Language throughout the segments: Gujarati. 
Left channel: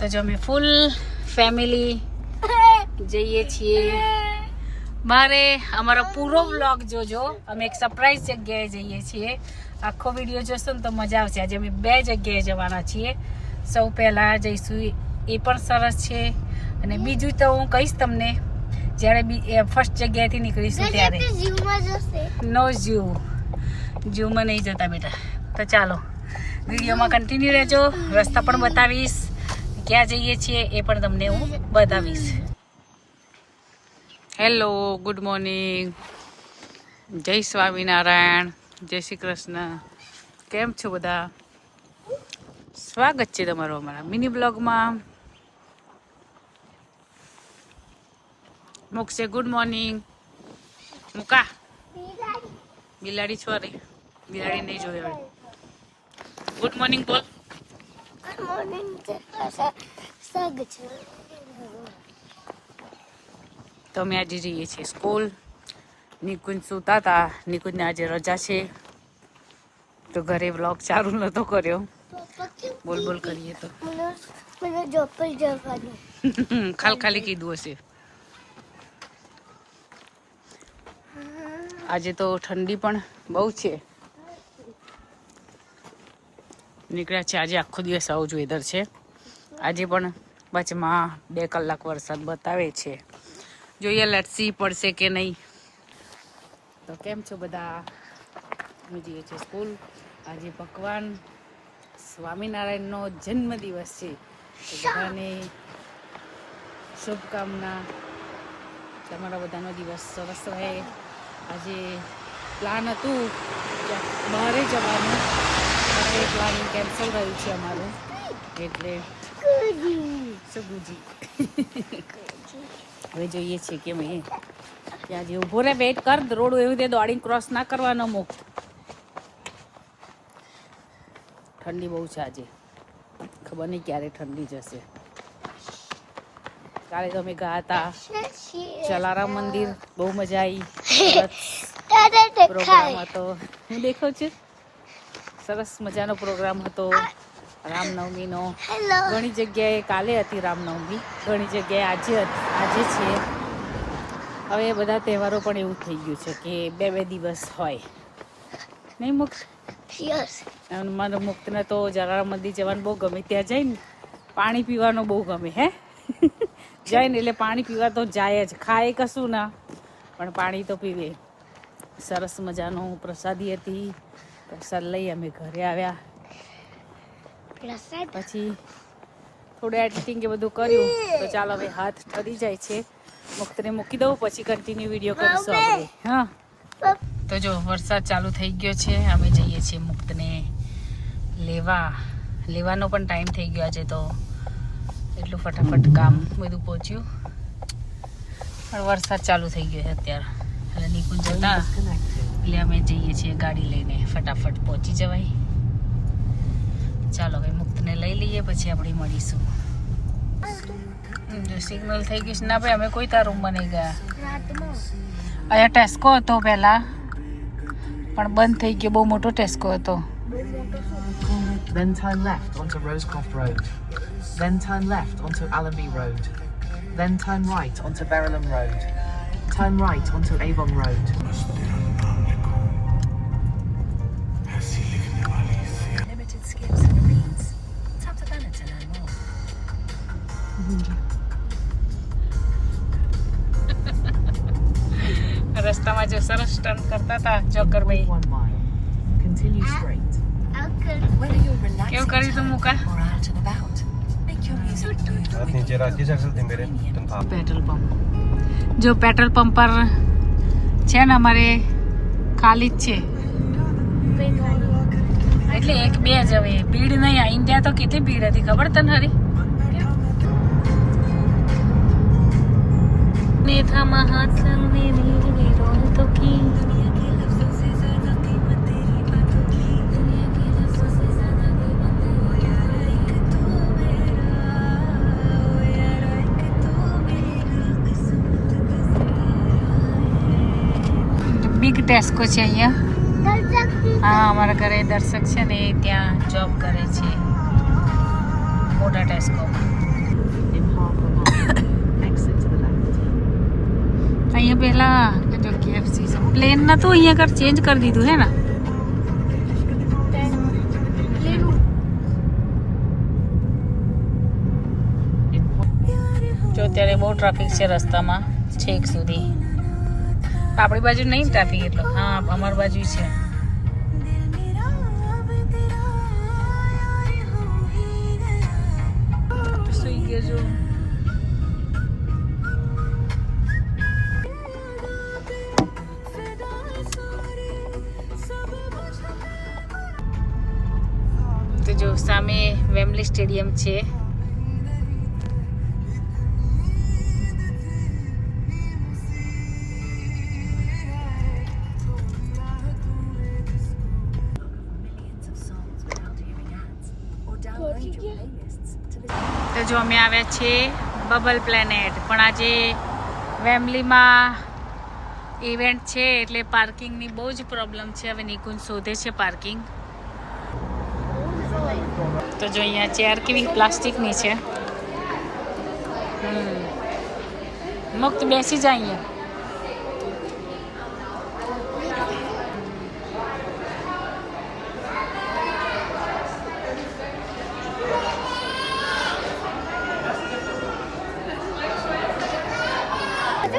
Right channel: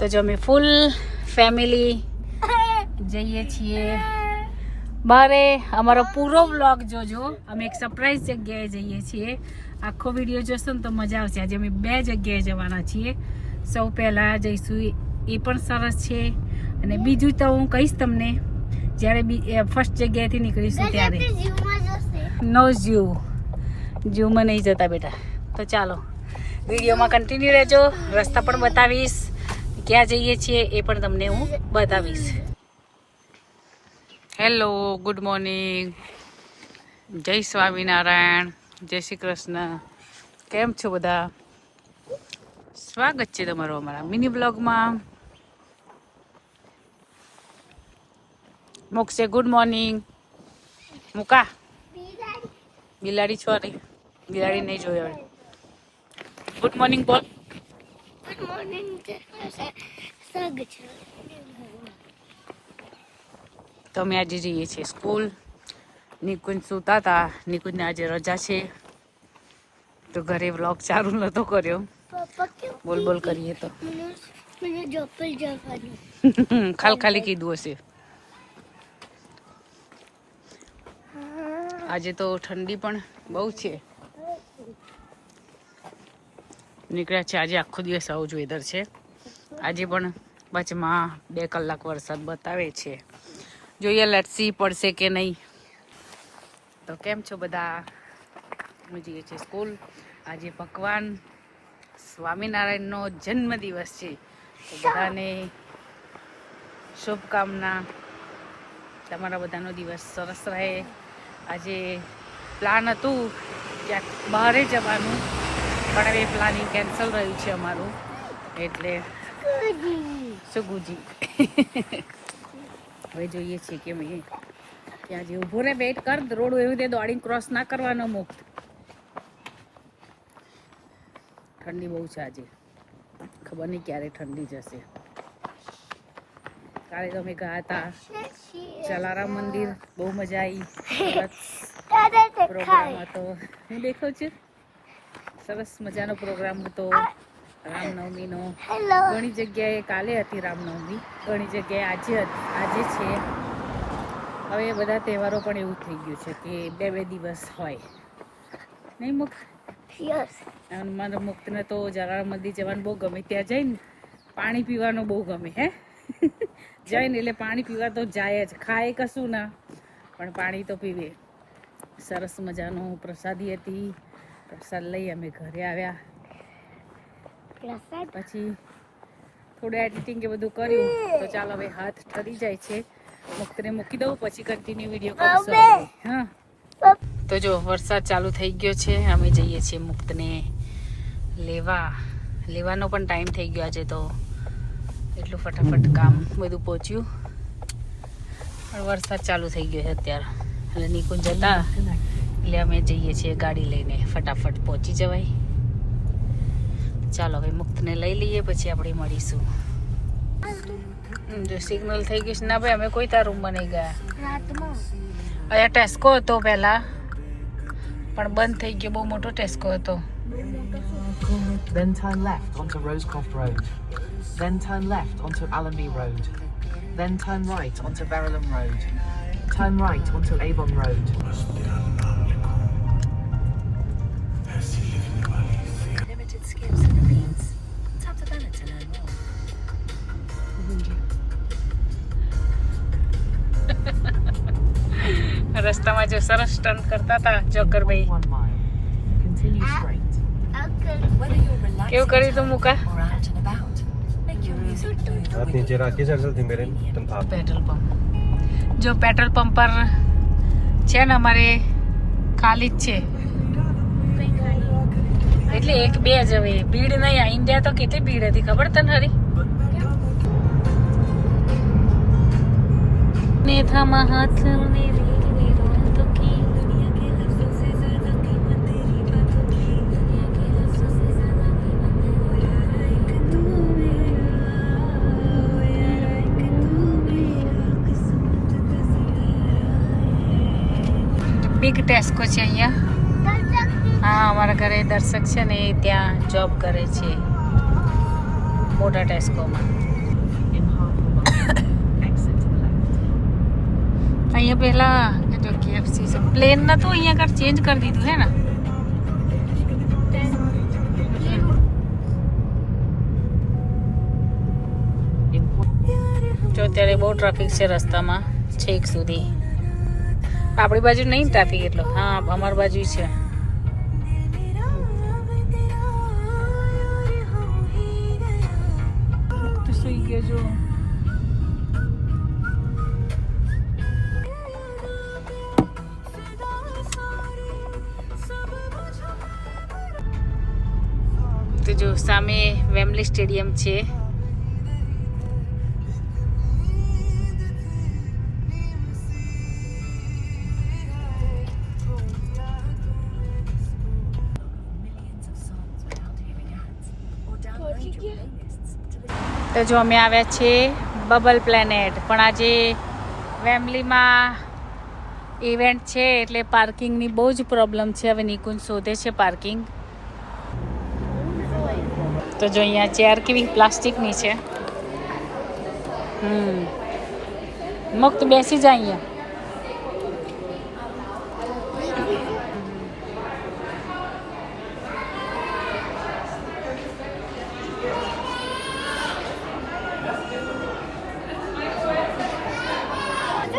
તો જો અમે ફૂલ ફેમિલી જઈએ છીએ બારે. અમારો પૂરો વ્લોગ જોજો. અમે એક સરપ્રાઈઝ જગ્યાએ જઈએ છીએ. આખો વિડીયો જોશો ને તો મજા આવશે. આજે અમે 2 જગ્યાએ જવાના છીએ. સૌ પહેલાં જઈશું, એ પણ સરસ છે, અને બીજું તો હું કહીશ તમને જ્યારે ફર્સ્ટ જગ્યાએથી નીકળીશું ત્યારે. નો ઝૂમાં નહીં જતા બેટા. તો ચાલો વિડીયોમાં કન્ટિન્યુ રહેજો. રસ્તા પણ બતાવીશ, ક્યાં જઈએ છીએ એ પણ તમને હું બતાવીશ. હેલો, ગુડ મોર્નિંગ, જય સ્વામિનારાયણ, જય શ્રી કૃષ્ણ. કેમ છો બધા? સ્વાગત છે તમારું અમારા મિની બ્લોગમાં. મોક્ષે ગુડ મોર્નિંગ. મુકા બિલાડી સોરી, બિલાડી નહીં જોઈ હવે. ગુડ મોર્નિંગ બોલ. Good morning. તો અમે આજે જઈએ છીએ સ્કૂલ. નિકુંજ સૂતા હતા. નિકુંજને આજે રજા છે તો ઘરે વ્લોગ ચાલુ નતો કર્યો. બોલ બોલ કરીએ તો મને જોપલ જવાનું. ખાલી કીધું હશે. આજે તો ઠંડી પણ બહુ છે. નીકળ્યા છે. આજે આખો દિવસ આવું જ વેધર છે. આજે પણ વચમાં 2 કલાક વરસાદ બતાવે છે. જોઈએ લટસી પડશે કે નહીં. તો કેમ છો બધા? અમે જઈએ છીએ સ્કૂલ. આજે ભગવાન સ્વામિનારાયણનો જન્મદિવસ છે તો બધાને શુભકામના. તમારા બધાનો દિવસ સરસ રહે. આજે પ્લાન હતું ક્યાંક બહારે જવાનું, પણ એ પ્લાનિંગ કેન્સલ રહ્યું છે અમારું. એટલે શું ગુજી હવે જોઈએ છીએ કે મેં ત્યાં જે ઊભો રહે, વેઇટ કર. રોડ એવી રીતે દોડીને ક્રોસ ના કરવાનો. મુક્ત ઠંડી બહુ છે આજે. ખબર નહીં ક્યારે ઠંડી જશે. કાલે તો અમે ગયા હતા જલારામ મંદિર, બહુ મજા આવી. પ્રોગ્રામ હતો, હું દેખ્યો છે. સરસ મજાનો પ્રોગ્રામ હતો રામનવમીનો. ઘણી જગ્યાએ કાલે હતી રામનવમી, ઘણી જગ્યાએ આજે છે. હવે એ બધા તહેવારો પણ એવું થઈ ગયું છે કે 2 દિવસ હોય નહીં. મુક્ત મને મુક્તને તો જલારામ મંદિર જવાનું બહુ ગમે. ત્યાં જઈને પાણી પીવાનું બહુ ગમે. હે જઈને એટલે પાણી પીવા તો જાય જ. ખાય કશું ના, પણ પાણી તો પીવે. સરસ મજાનું પ્રસાદી હતી. પ્રસાદ લઈ અમે ઘરે આવ્યા. પછી થોડું એડિટિંગ એ બધું કર્યું. તો ચાલો હવે હાથ ઠરી જાય છે. મુક્તને મૂકી દઉં, પછી કન્ટિન્યુ વિડીયો કરીશું આપણે. હા, તો જો વરસાદ ચાલુ થઈ ગયો છે. અમે જઈએ છીએ મુક્તને લેવાનો પણ ટાઈમ થઈ ગયો આજે. તો એટલું ફટાફટ કામ બધું પહોંચ્યું. વરસાદ ચાલુ થઈ ગયો છે અત્યારે. એટલે નિકુંજ જતા એટલે અમે જઈએ છીએ ગાડી લઈને. ફટાફટ પહોંચી જવાય. ચાલો હવે મુક્તને લઈ લઈએ, પછી આપણે મળીશું. જો સિગ્નલ થઈ ગયું છે. ના ભાઈ, અમે કોઈ તાર રૂમમાં નહીં ગયા. અહીંયા ટેસ્કો હતો પહેલાં, પણ બંધ થઈ ગયો. બહુ મોટો ટેસ્કો હતો. Then turn left onto Rosecroft Road. Then turn left onto Allenby Road. Then turn right onto Verulam Road. Turn right onto Avon Road. Limited skills and needs. Tap the banner to learn more. રસ્તામાં જો સરસ ટર્ન કરતા હતા જોકરભાઈ. 1 mile. Continue straight. Whether you're relaxing કેવું કર્યું તું મુકા? or out and about, make your music move. आप नीचे रखी सकते मेरे आप પેટ્રોલ પંપ જો પેટ્રોલ પંપ પર છે ને અમારે ખાલી જ છે. એટલે 1-2 જ હવે. ભીડ નહીં. આ ઇન્ડિયા તો કેટલી ભીડ હતી ખબર તને? હરી ને થામા હાથ મેરી રોતો કી. બિગ ટેસ્કો છે અહીંયા. હા, અમારા ઘરે દર્શક છે ને, ત્યાં જોબ કરે છે. મોટા ટેસ્કોમાં. In half a mile, exit to the left. અહીંયા પહેલા જો KFC છે. પ્લેન નતું, અહીંયા કર ચેન્જ કરી દીધું હે ને. જો અત્યારે બહુ ટ્રાફિક છે રસ્તામાં છેક સુધી. આપણી બાજુ નહીં ટ્રાફિક એટલો. હા, અમારી બાજુ છે. સુઈ ગયો જો. તો જો સામે વેમ્બલી સ્ટેડિયમ છે. તો જો અમે આવ્યા છીએ બબલ પ્લેનેટ, પણ આજે વેમ્બલીમાં ઇવેન્ટ છે એટલે પાર્કિંગની બહુ જ પ્રોબ્લેમ છે. હવે નિકુંજ શોધે છે પાર્કિંગ. તો જો અહીંયા ચેર કેવી પ્લાસ્ટિકની છે. મુક્ત બેસી જાય અહીંયા.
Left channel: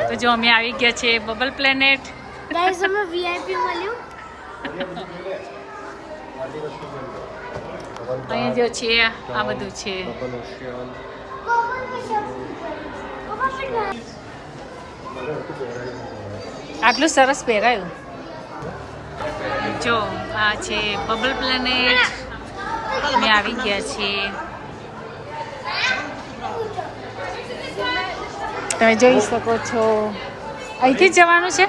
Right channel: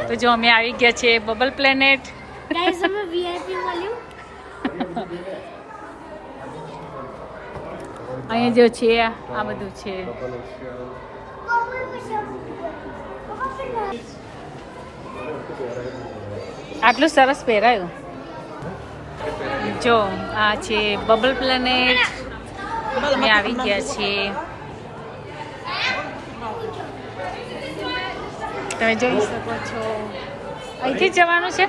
તો જો અમે આવી ગયા છે બબલ પ્લેનેટ. ગાઈસ અમે વીઆઈપી મળ્યું. અહીંયા જો છે આ બધું છે. આટલું સરસ પહેરાયું. જો આ છે બબલ પ્લેનેટ. અમે આવી ગયા છીએ. તમે જોઈ શકો છો. અહીંથી જ જવાનું છે.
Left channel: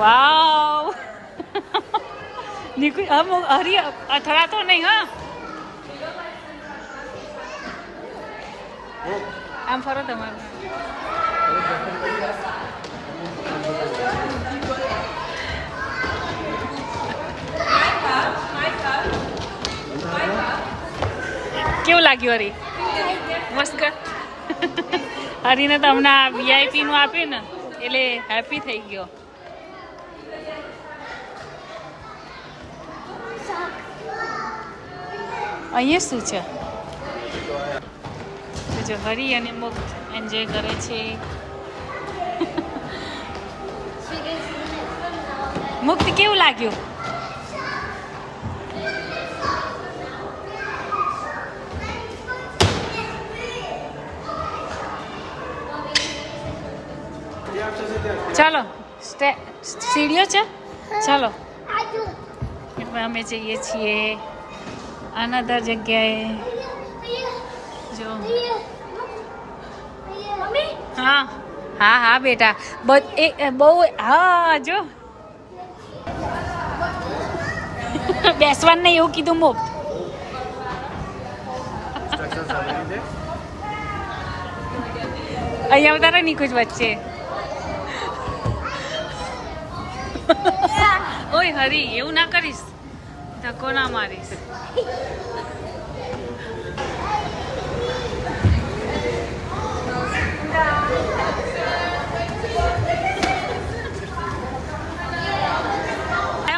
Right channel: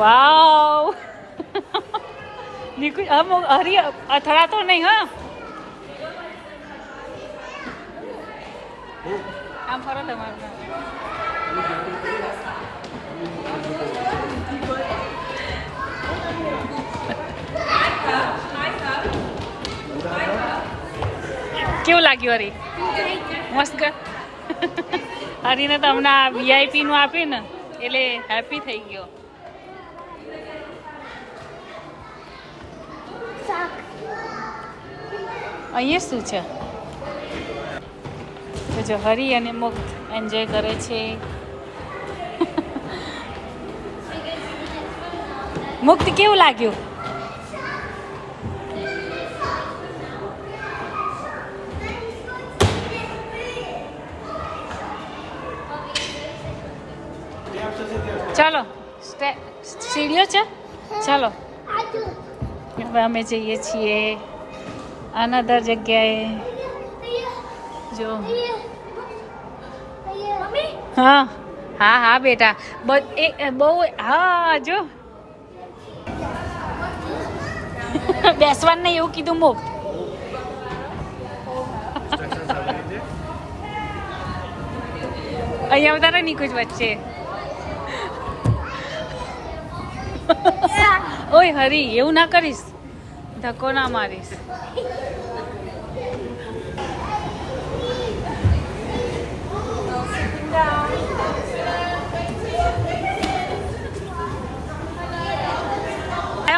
વાવ. નિકુંજ હરી અથડાતો નહીં. હા, આમ ફરો તમારે. કેવું લાગ્યું હરી? મસ્ત. હરીને તો હમણાં VIP નું આપ્યું ને એટલે હેપી થઈ ગયો. અહીંયા શું છે? તો જો હરી અને મુક્ત એન્જોય કરે છે. મુક્ત કેવું લાગ્યું? ચાલો સીડીઓ છે. ચાલો હવે અમે જઈએ છીએ અનધર જગ્યાએ. જો હા હા હા બેટા બહુ. હા જો બેસવાનું નહીં એવું કીધું મુક્ત. અહીંયા ઉતારે નિકુંજ વચ્ચે. ઓય હરી, એવું ના કરીશ. ધક્કો ના મારીશ.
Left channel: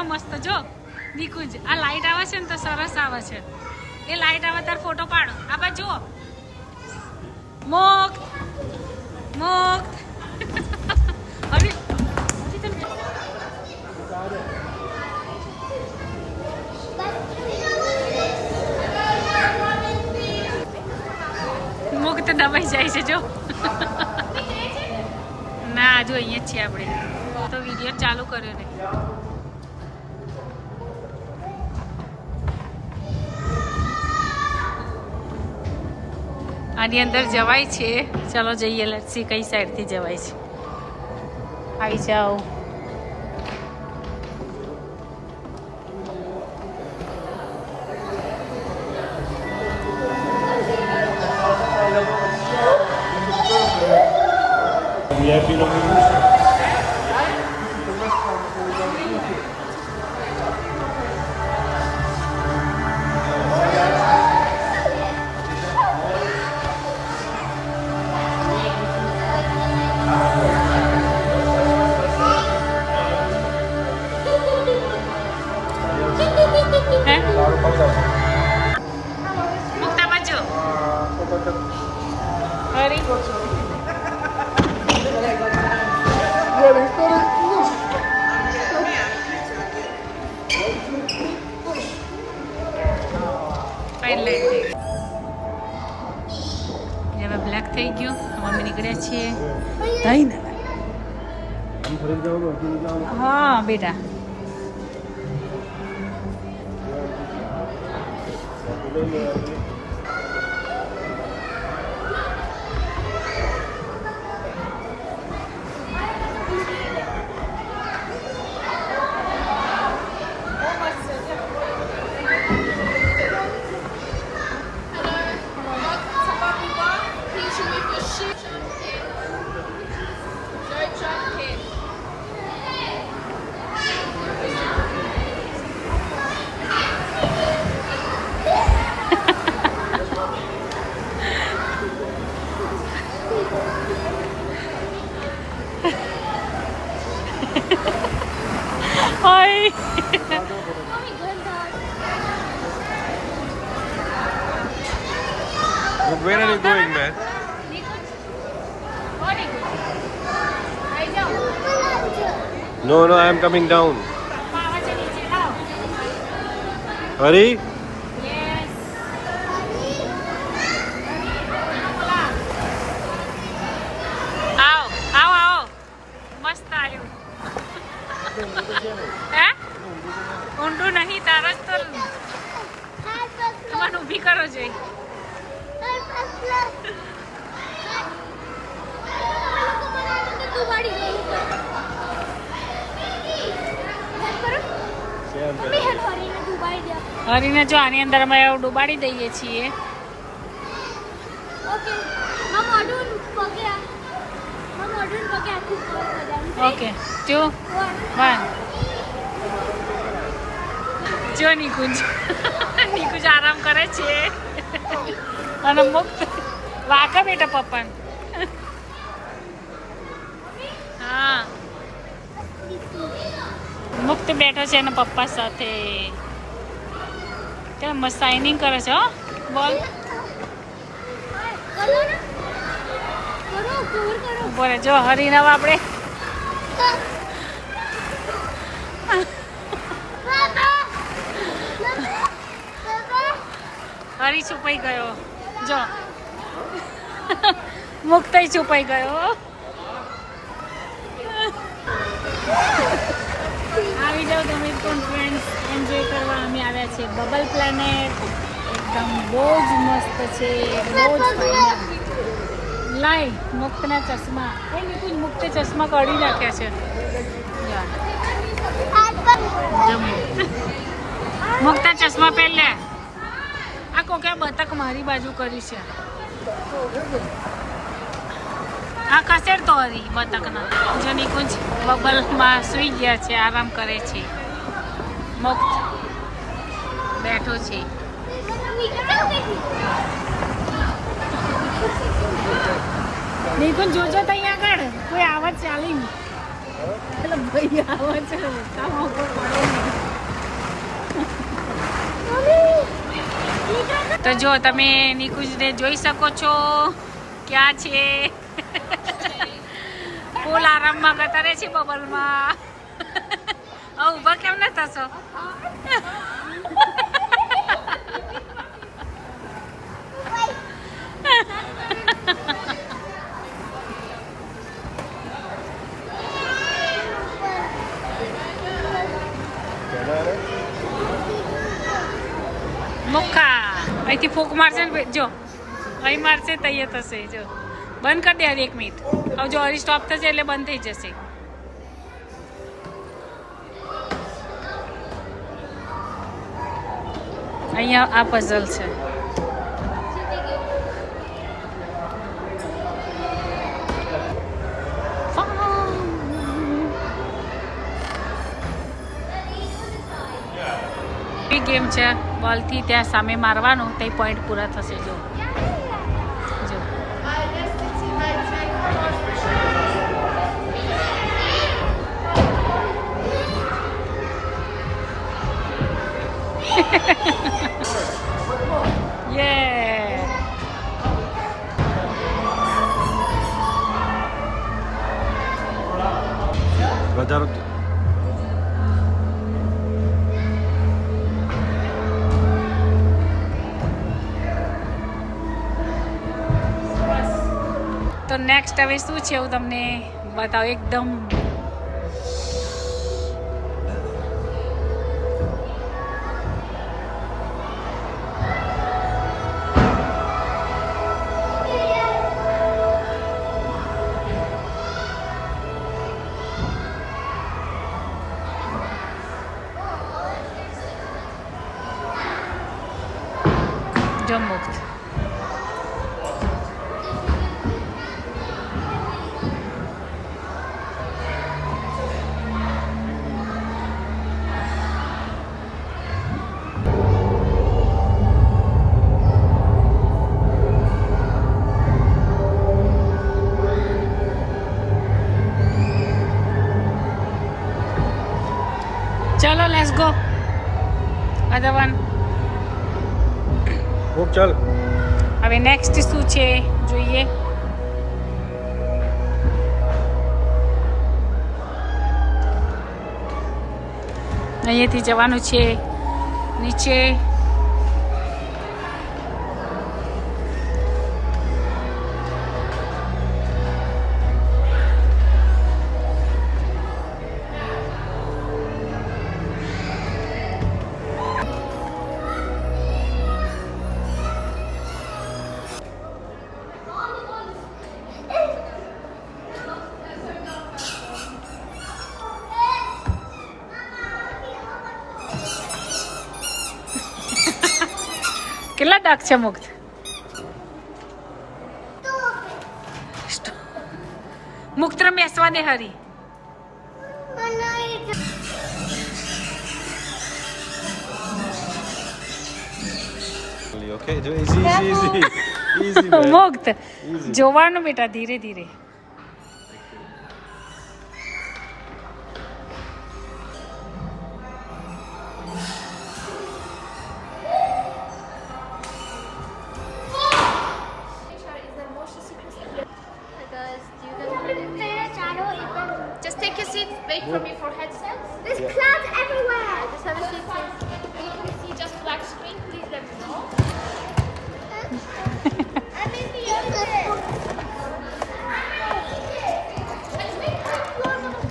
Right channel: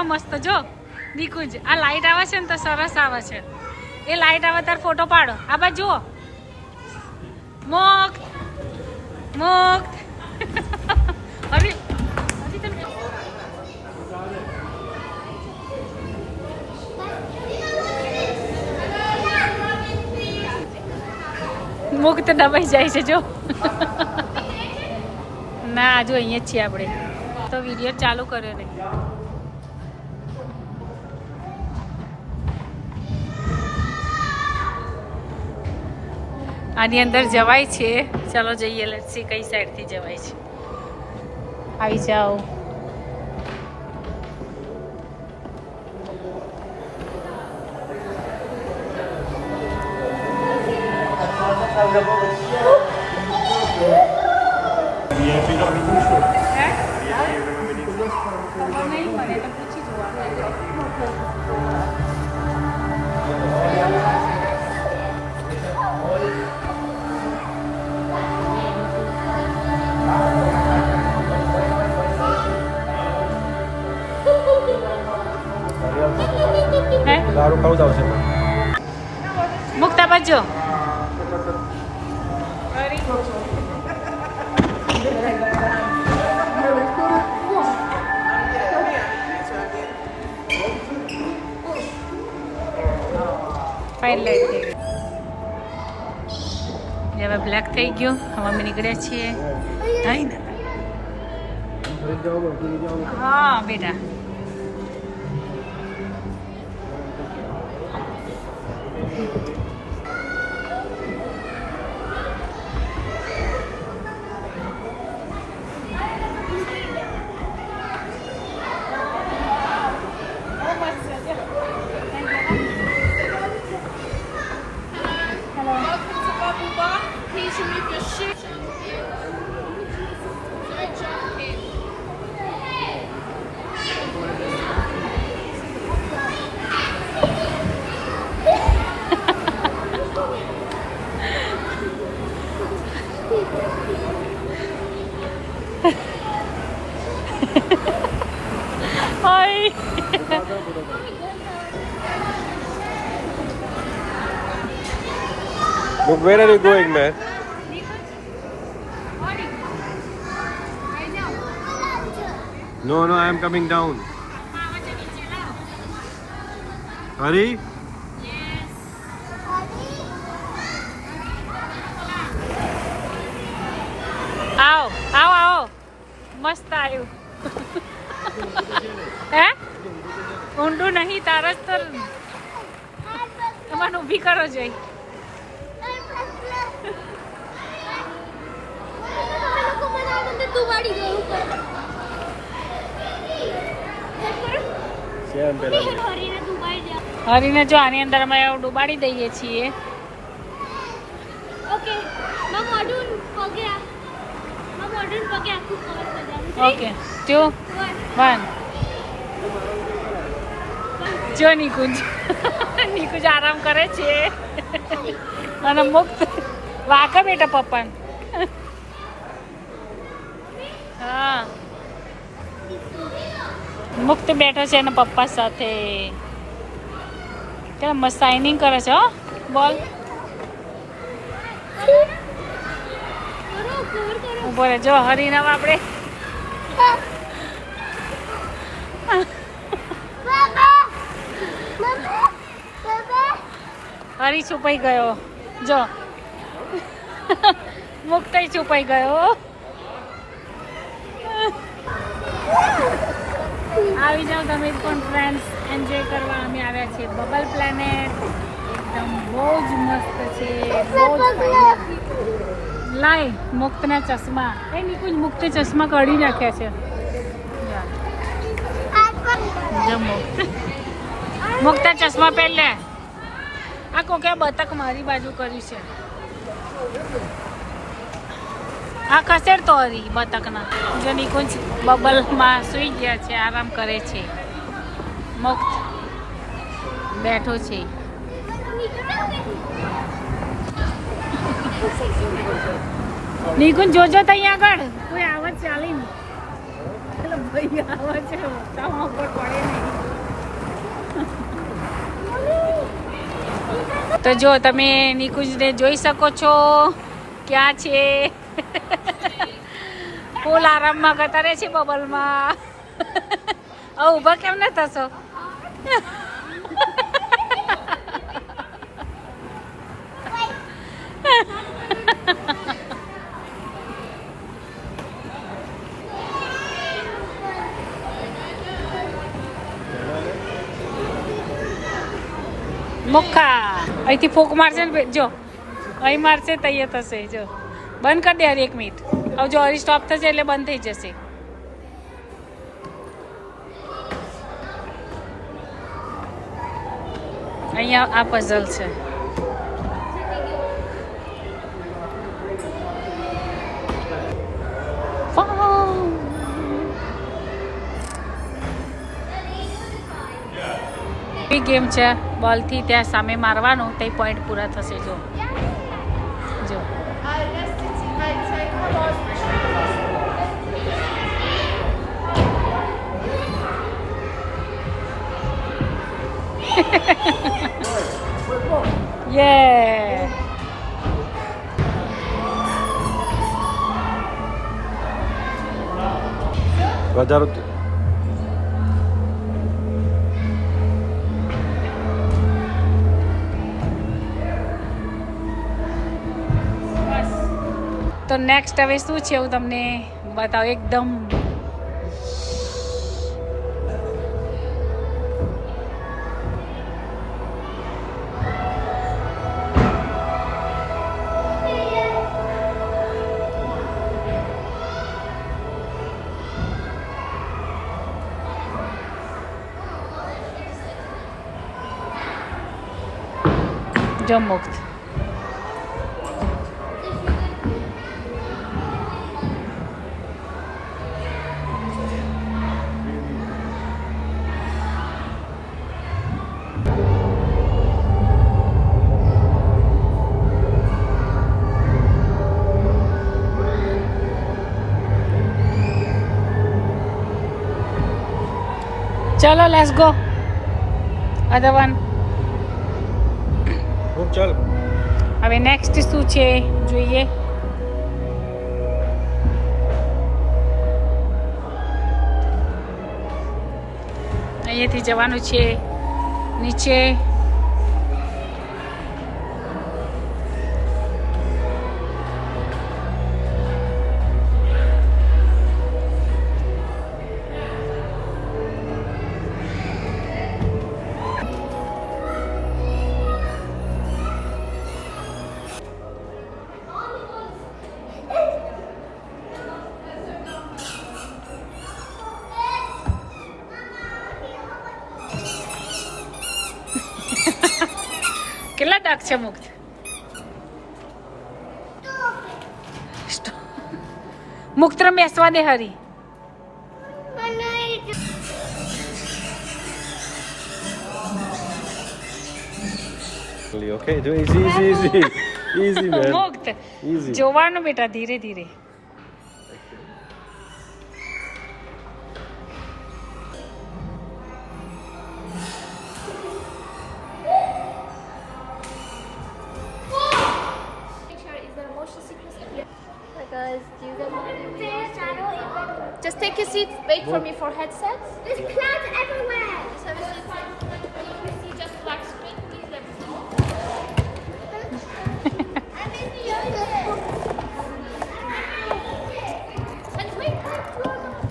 મસ્ત જો નિકુંજ, આ લાઈટ આવે છે ને તો સરસ આવે છે. એ લાઈટ આવે તાર ફોટો પાડો. આ બાજુ જુઓ. મુક્ત મુક્ત. હરી મુક્ત દબાઈ જાય છે જો. ના જો અહીંયા જ છીએ આપણે તો વિડીયો ચાલુ કર્યો નહીં. આની અંદર જવાય છે. ચાલો જઈએ. લેટ્સ સી કઈ સાઈડથી જવાય છે. આવી જાઓ. VIP નો મેનુ છે. જો હરી હાઈલાઈટ થઈ ગઈ હવે બ્લેક થઈ ગયું મમ્મી નીકળ્યા છીએ નહીં ને હા બેટા Hi. Look, where are you going, man? No, no, I am coming down. Hurry. આવો આવો આવો મસ્ત આવ્યું હે ઊંડું નહીં તારા જ તો તમારે ઊભી કરો જોઈ હરીને જો આની અંદર અમે ડુબાડી દઈએ છીએ ઓકે 2 1 જો નિકુંજ નિકુંજ આરામ કરે છે અને મુક્ત વાકા બેટા પપ્પાને હા મુક્ત બેઠો છે એના પપ્પા સાથે કેમ મસ્ત શાઇનિંગ કરે છે હો બોલ ઉભો રે જો હરીને આપણે હરી છુપાઈ ગયો જો મુક્ત છુપાઈ ગયો આવી જાઓ તમે પણ ફ્રેન્ડ્સ એન્જોય કરવા અમે આવ્યા છીએ બબલ પ્લેનેટ એકદમ બહુ જ મસ્ત છે બહુ જ ફાઇન લાઈ મુક્તના ચશ્મા એ નિકુંજ મુક્ત ચશ્મા કાઢી નાખ્યા છે જો મુક્ત મુક્ત ચશ્મા પહેલે આ કોકે બતક મારી બાજુ કરી છે આ ખસેડ તો હરી બતકના જો નિકુંજ બબલમાં સૂઈ ગયા છે આરામ કરે છે મુક્ત બેઠો છે નિકુંજ જોજો તો અહીંયા આગળ કોઈ આવત ચાલી નહીં એટલે ભાઈ આવે છે તામાં ઉપર પડે નહીં તો જો તમે નિકુંજને જોઈ શકો છો ક્યાં છે ફૂલ આરામમાં ગતા રહે છે બબલમાં હવે ઊભા કેમ ન થશો મુક્કા અહીંથી ફૂંક મારશે ને જો અહીં મારશે તૈયાર થશે જો બંધ કરી દે હરી 1 મિનિટ હવે જો હરી સ્ટોપ થશે એટલે બંધ થઈ જશે અહીંયા આ પઝલ છે ગેમ છે બોલથી ત્યાં સામે મારવાનું તે પોઈન્ટ પૂરા થશે જો જો યે વધારો તો નેક્સ્ટ હવે શું છે હું તમને બતાવું એકદમ જો મુક્ત ચલો લેટ્સ ગો અધર વન મુક ચાલ હવે નેક્સ્ટ શું છે જોઈએ અહીંયાથી જવાનું છે નીચે કેટલા ડાક છે મુક્ત મુક્ત બેસવા દે હરી Okay, do easy, easy, man. મુક્ત Easy. જોવાનું બેટા ધીરે ધીરે Just take your seat. Wait for me for headset. There's clouds everywhere. Just have a seat. If you see just black screen, please let me know.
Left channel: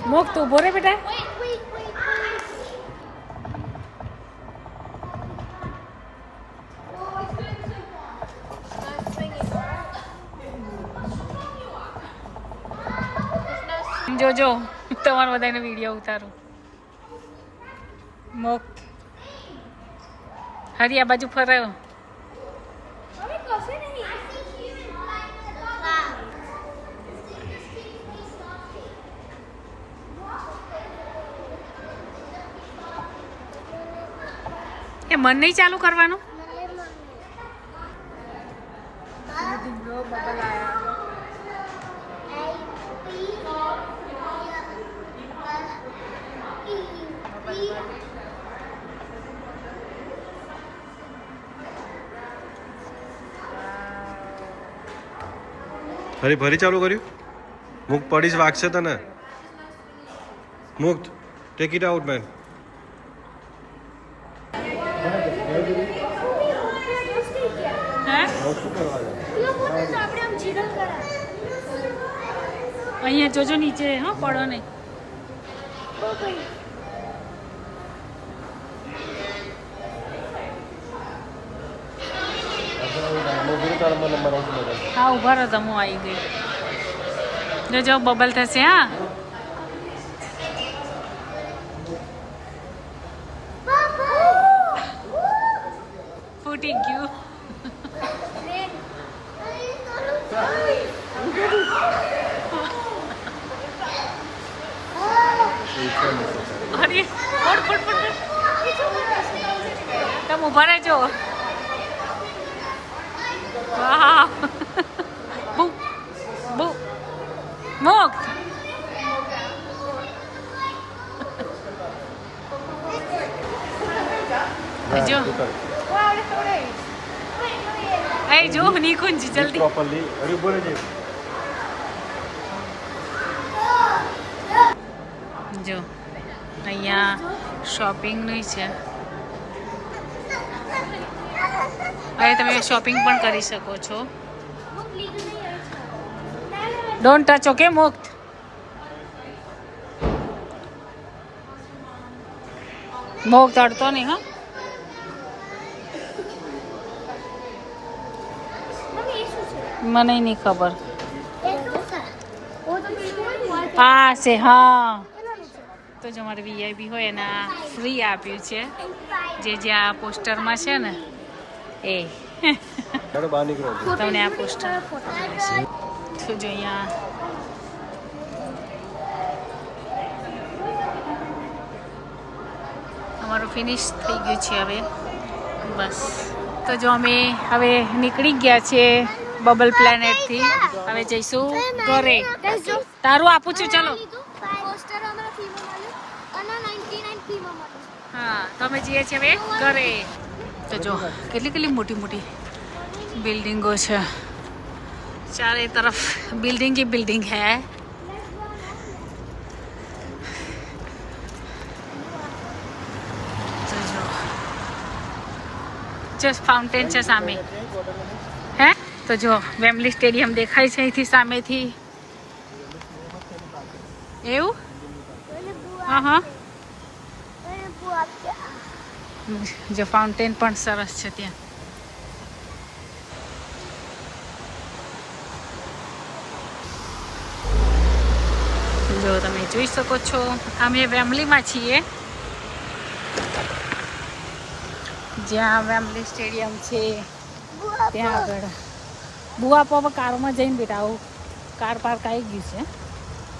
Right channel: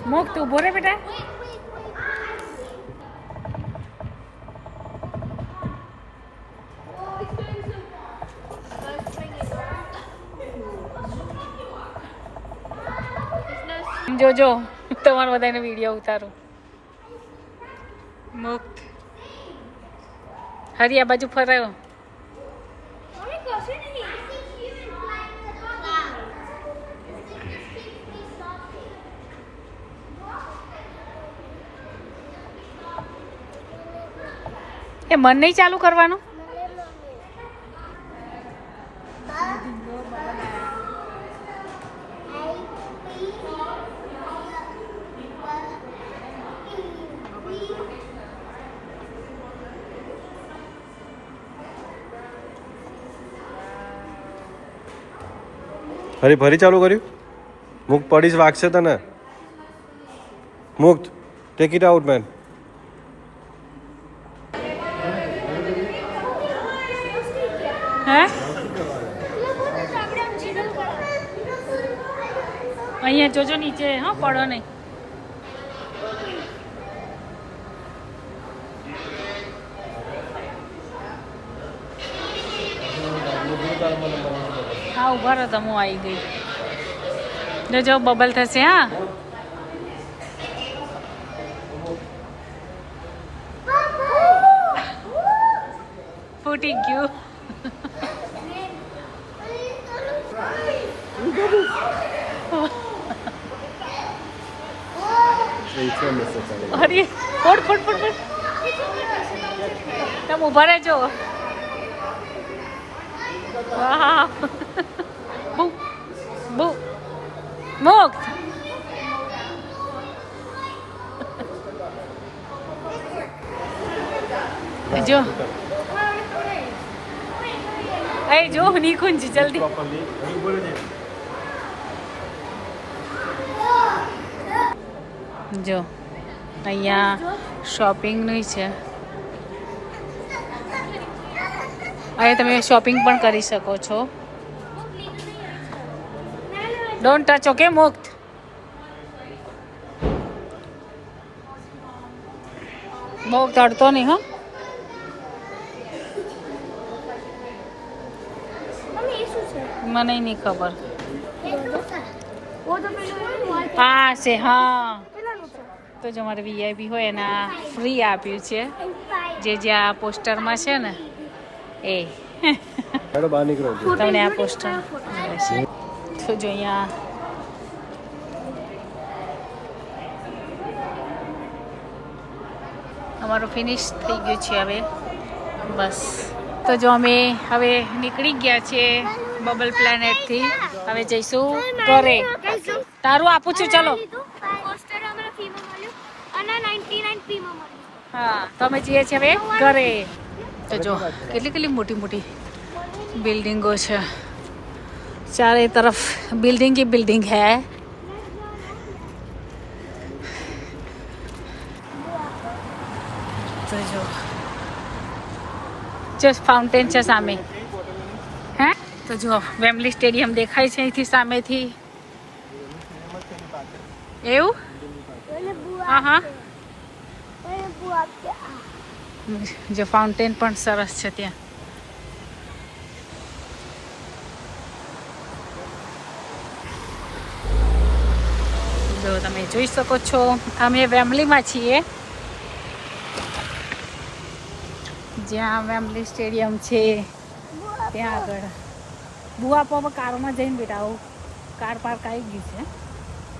મુક્ત ઉભો રે બેટા જોજો તમારા બધાને વિડીયો ઉતારું મુક્ત હરી આ બાજુ ફરાયો એ મન નહીં ચાલુ કરવાનું ફરી ફરી ચાલુ કર્યું મુક પડીશ વાગશે તને મુક્ત ટેક ઇટ આઉટ મેન હે અહીંયા જોજો નીચે હા પડો નહીં હા ઉભા રહો તમે હું આવી ગઈ જોજો બબલ થશે હા ફૂટી ગયું અરે ફોડ ફોડ ફોડ ફોડ તમે ઉભા રહેજો વાહ બુ બુ મુક્ત જો એ જો નિકુંજ જલ્દી જો અહીંયા શોપિંગનું છે. અહીંયા તમે શોપિંગ પણ કરી શકો છો. ડોન્ટ ટચ ઓકે મુક્ત. મુક્ત અડતો નહીં હા. મને નહીં ખબર. હા છે હા. તો જો મારે વીઆઈપી હોય એના ફ્રી આપ્યું છે જે આ પોસ્ટરમાં છે ને એ તમને આ પોસ્ટર મળશે. તો જો અહીંયા અમારું ફિનિશ થઈ ગયું છે હવે બસ. તો જો અમે હવે નીકળી ગયા છીએ બબલ પ્લેનેટથી. હવે જઈશું ઘરે. તારું આપું છું ચલો. પોસ્ટર અમારા ફીમાં મળ્યું અને 99 ફીમાં મળ્યું. હા તો અમે જઈએ છીએ હવે ઘરે. તો જો કેટલી મોટી મોટી બિલ્ડિંગો છે. ચારે તરફ બિલ્ડિંગ ही બિલ્ડિંગ है. તો જો જસ્ટ ફાઉન્ટેન છે સામે. હે તો જો વેમ્બલી સ્ટેડિયમ દેખાય છે અહીંથી સામેથી. એવું હા હા. જો ફાઉન્ટેન પણ સરસ છે ત્યાં. જો તમે જોઈ શકો છો અમે વેમ્બલીમાં છીએ જ્યાં વેમ્બલી સ્ટેડિયમ છે ત્યાં આગળ. બુઆ પપ્પા કારમાં જઈને બેટા આવું કાર પાર્ક આવી ગયું છે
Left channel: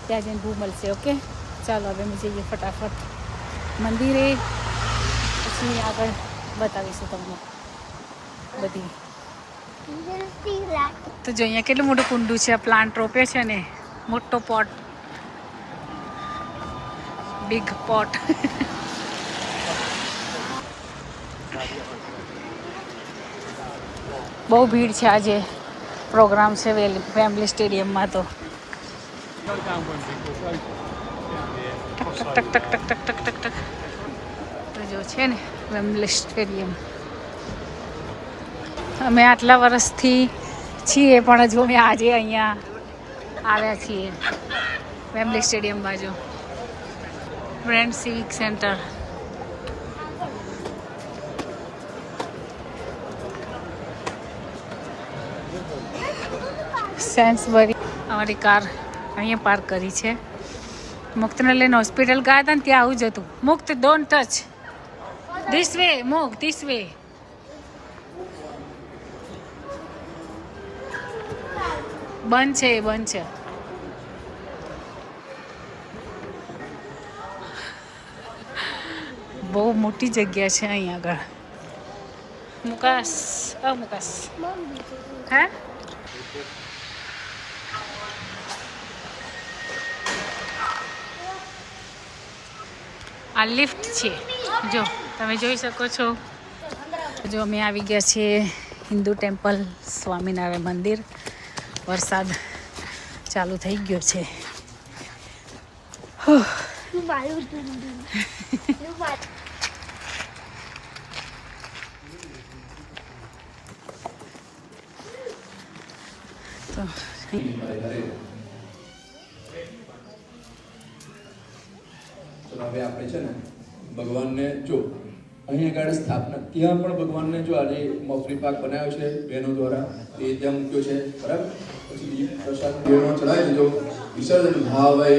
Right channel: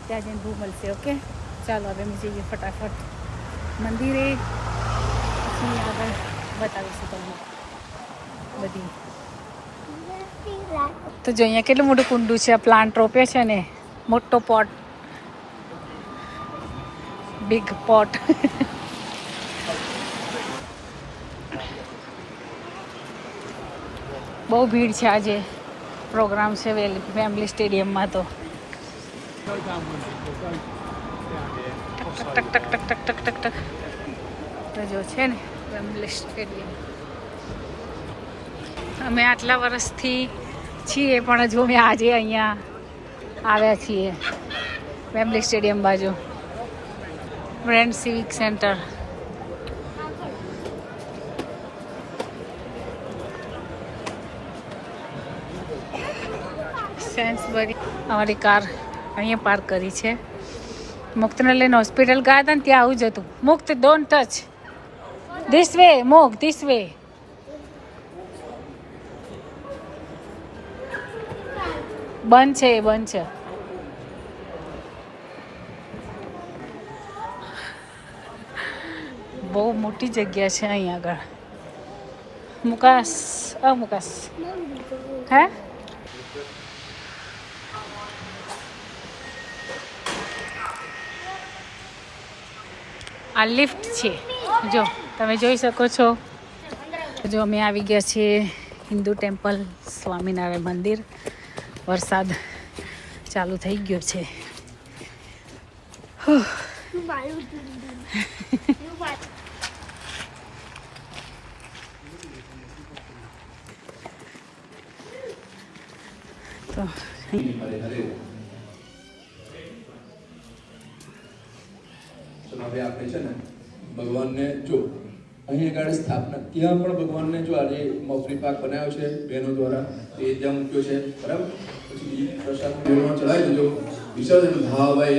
ત્યાં જઈને બહુ મળશે. ઓકે ચાલો હવે અમે જઈએ ફટાફટ મંદિરે પછી આગળ બતાવીશું તમને બધી. તો જો અહીંયા કેટલું મોટું કુંડું છે. પ્લાન્ટ રોપ્યો છે ને મોટો પોટ બિગ પોટ. બહુ ભીડ છે આજે. પ્રોગ્રામ છે વેમ્બલી સ્ટેડિયમમાં. તો ટક ટક ટક ટક ટક ટક ટક ટક તો જો છે ને વેમ્બલી સ્ટેડિયમ. અમે આટલા વર્ષથી છીએ પણ હજુ અમે આજે અહીંયા આવ્યા છીએ વેમ્બલી સ્ટેડિયમ બાજુ. Friend civic centre. સેન્સબરી. અમારી કાર અહીંયા પાર્ક કરી છે. મુક્તને લઈને હોસ્પિટલ ગયા હતા ને ત્યાં આવું જ હતું. મુક્ત ડોન્ટ ટચ ધીસ વે. મુક્ત ધીસ વે. બંધ છે બંધ છે. બહુ મોટી જગ્યા છે અહીંયા આગળ. મુકાસ મુકાસ હે આ લિફ્ટ છે. જો તમે જોઈ શકો છો. જો અમે આવી ગયા છીએ હિન્દુ ટેમ્પલ સ્વામિનારાયણ મંદિર. વરસાદ ચાલુ થઈ ગયો છે. તો હવે આપણે છે ને ભગવાનને જો અહીં આગળ સ્થાપના ત્યાં પણ ભગવાનને જો આજે મફરી પાક બનાવ્યો છે બહેનો દ્વારા તે ત્યાં મૂક્યો છે બરાબર. પછી બીજી પ્રસાદ બહેનો ચડાવી દીધો વિસર્જન ભાવે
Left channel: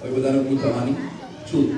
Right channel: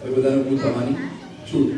હવે બધાને પૂછ થવાની છૂટ.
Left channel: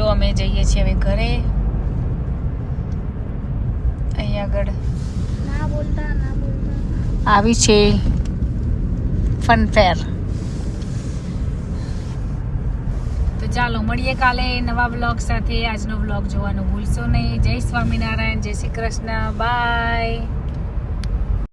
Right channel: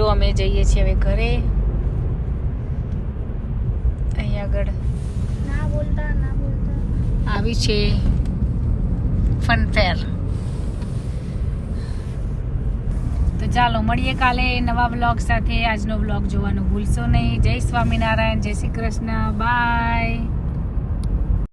જો અમે જઈએ છીએ હવે ઘરે. અહીં આગળ આવી છે ફન ફેર. તો ચાલો મળીએ કાલે નવા બ્લોગ સાથે. આજનો બ્લોગ જોવાનું ભૂલશો નહીં. જય સ્વામિનારાયણ, જય શ્રી કૃષ્ણ, બાય.